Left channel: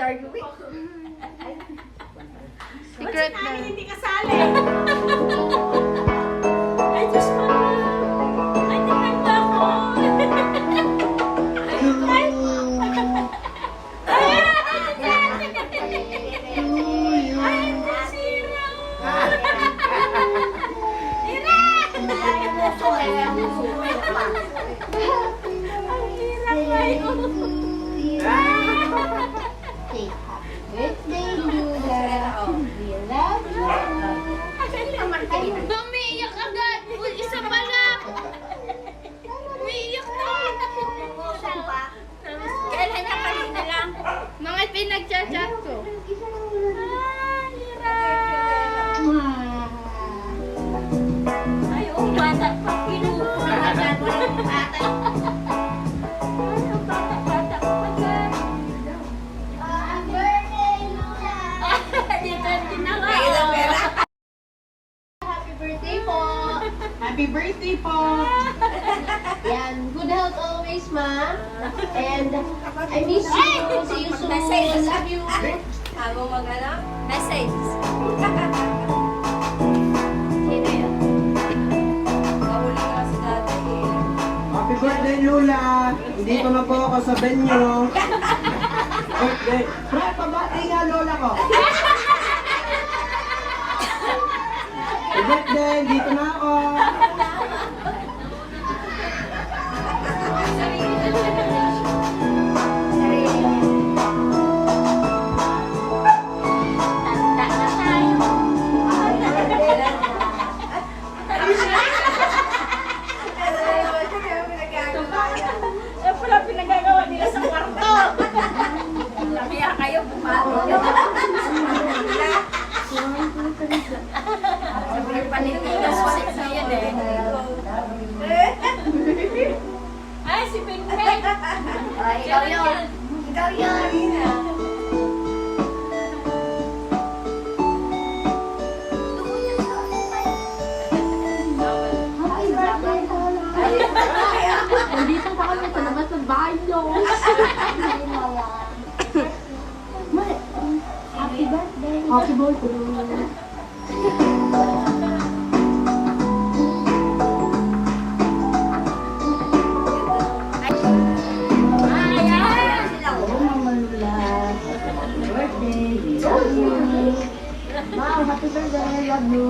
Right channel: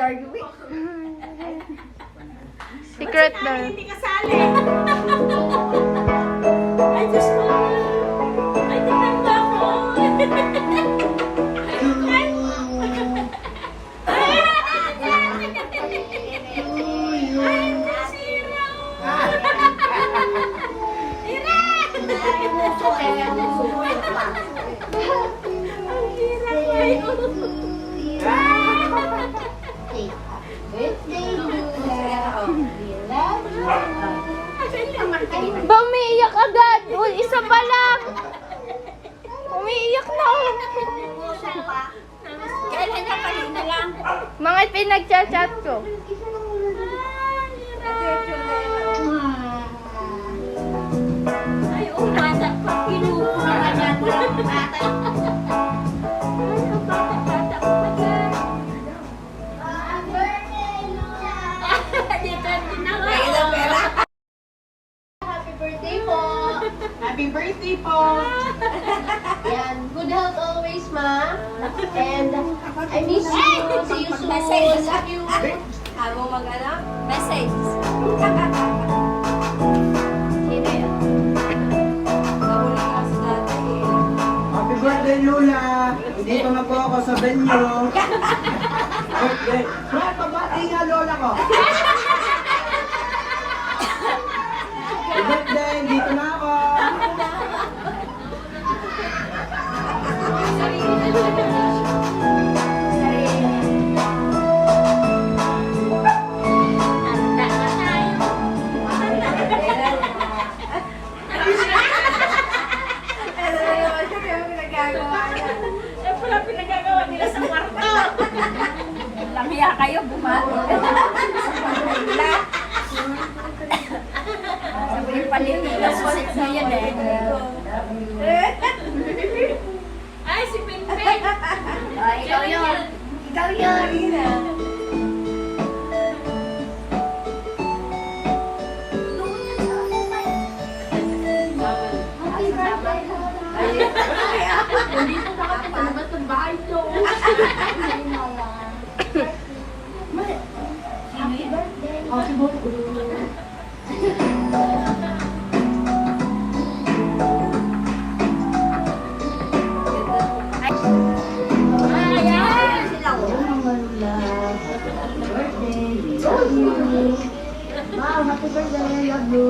Darwin. Secret na. Hindi kasali. Ay, Diyos ko. Ay, tinanda ko. Ba, umiiyak agad. Isa pa lang. Umiiyak na. Kailan niya kanina lang? Mga pinagchat-chat ko. Ay, bata pa. Kinuko naman yan. Walang bata. Ay, bata pa yan. Dito din ako. Happy birthday po. Happy birthday po! Yan. Good health always, ma. And I miss you. See you soon. Love you. Habang mag-ano? Message. Sino yun? Mahuli ka kasi dati eh. Happy birthday, Lola! Hindi pa na po ako sa venue. Birthday. Brad, pabati nga Lola ko. Happy birthday, dito na ako. Yan pala pinagagawa nila sa kwarto. Lamia kayo, bumalo. Sabi palitigas ulit sa yan eh. Ay, si Pinpin. Ikaw yun. Ikaw yun. Dito pa kami talaga sa banyo. Happy birthday. Happy birthday. Wow, happy birthday. I love you.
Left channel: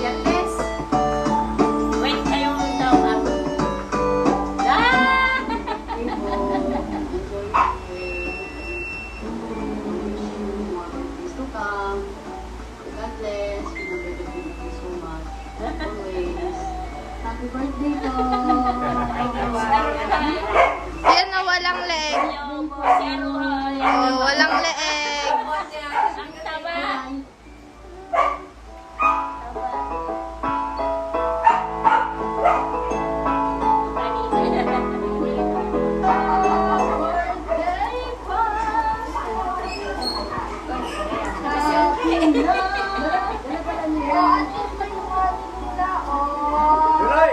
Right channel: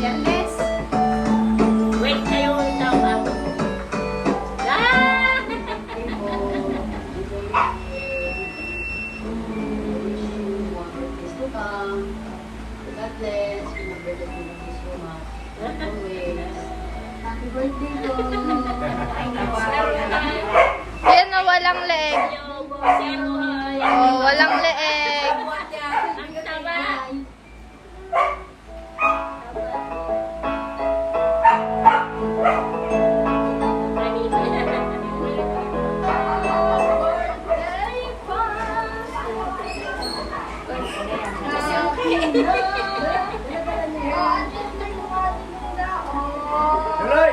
Yan, Les. Wait kayo tawag. Happy birthday po. Yan na walang leeg. Oh, walang leeg. Tuloy!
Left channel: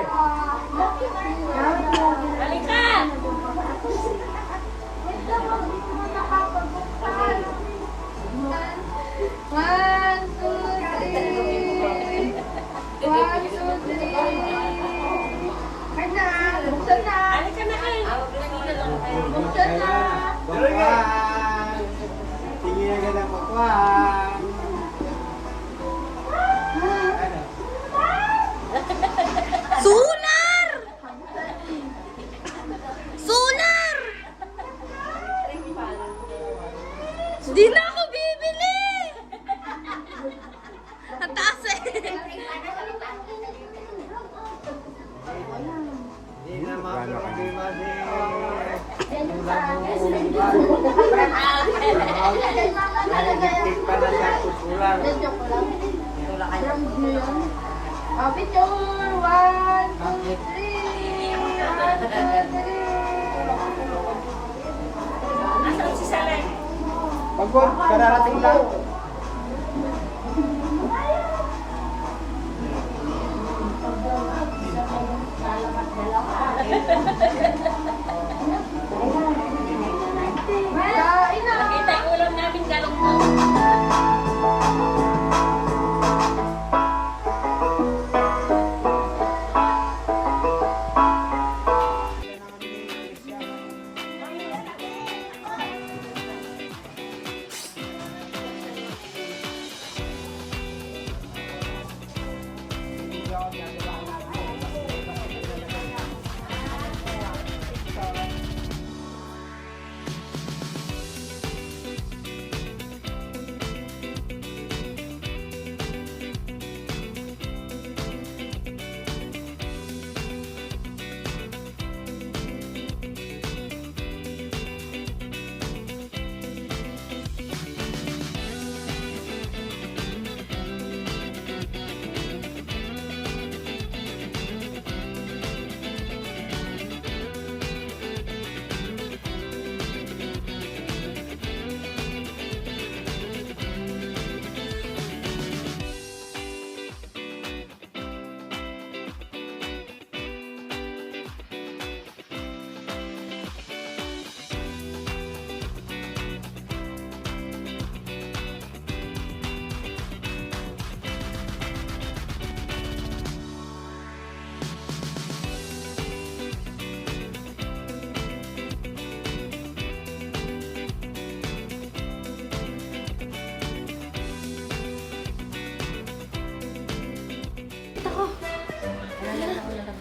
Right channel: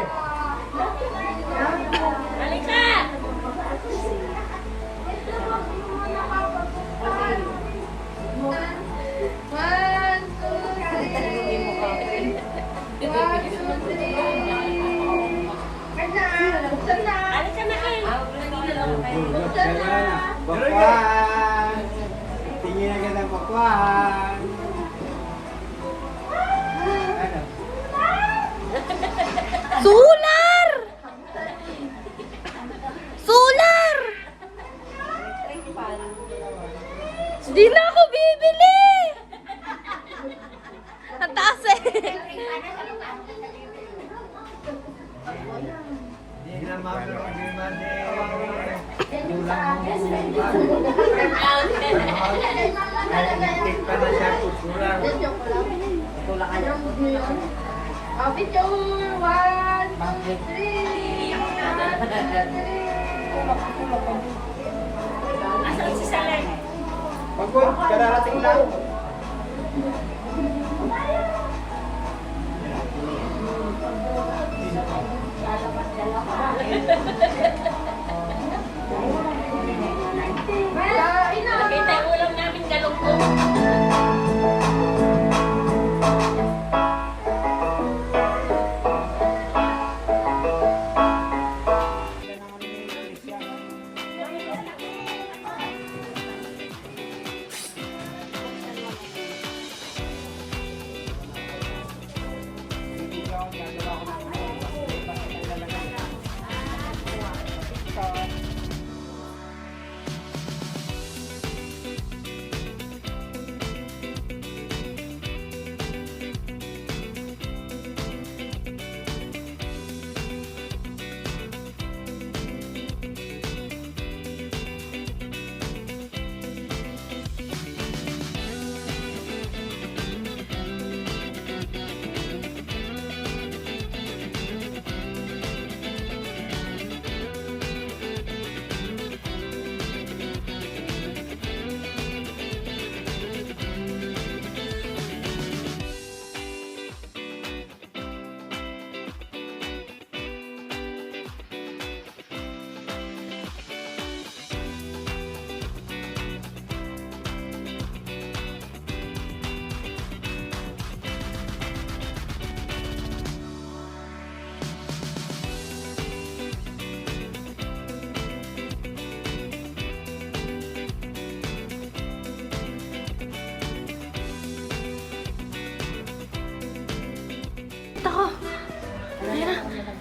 Bakwan! Tingin ka ng bakwan! Solar! Solar! Di na ako bibili! Ang taas eh. Hindi na mapuro, hindi madi. Ulang mo. Nagtitik pa na siya kusulang. Ito na kayo. Picture. 1, 2, 3. Nasaan si Salan? Magkot, kararating lang.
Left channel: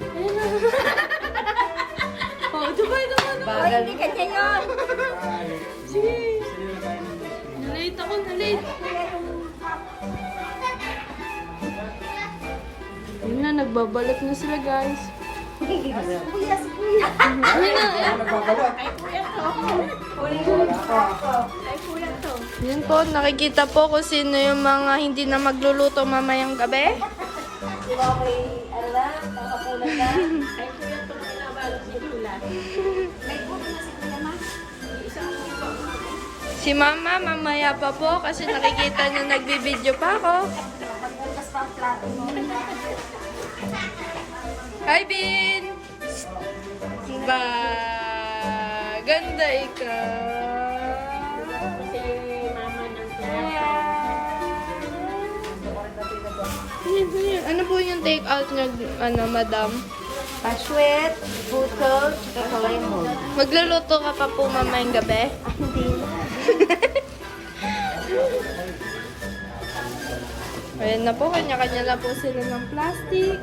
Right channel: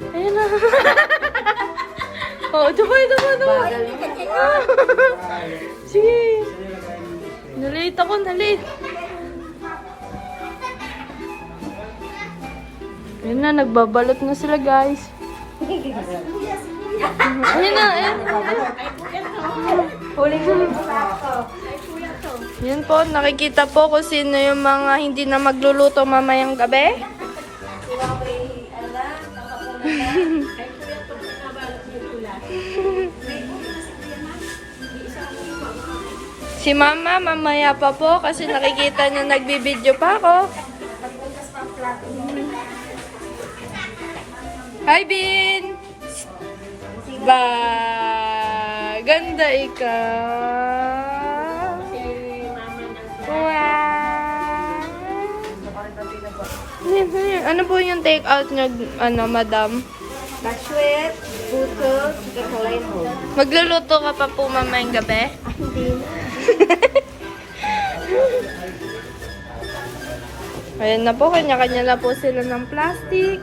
Ayan na. Oh, dumay. Hindi ka dyan yun. Sige. Nalate ako, nalate. Ayan na, nagbabalot na sila, guys. Ayan na, ayan. Yun po, nakikita po kung sino yung mga hindi na magluluto mamayang gabi. Si Mama, mamaya pa po kasi nakikita niya nagbibideo pa ako. Hi, Bin! Ba, ganda ikaw. Wow. Ano po yung take out niyo, madam? Paswet, puto, sika kalayamon. Magluluto ka pa po mamayang gabi? Ayan na po, kanya-kanya na po sila ng plastic.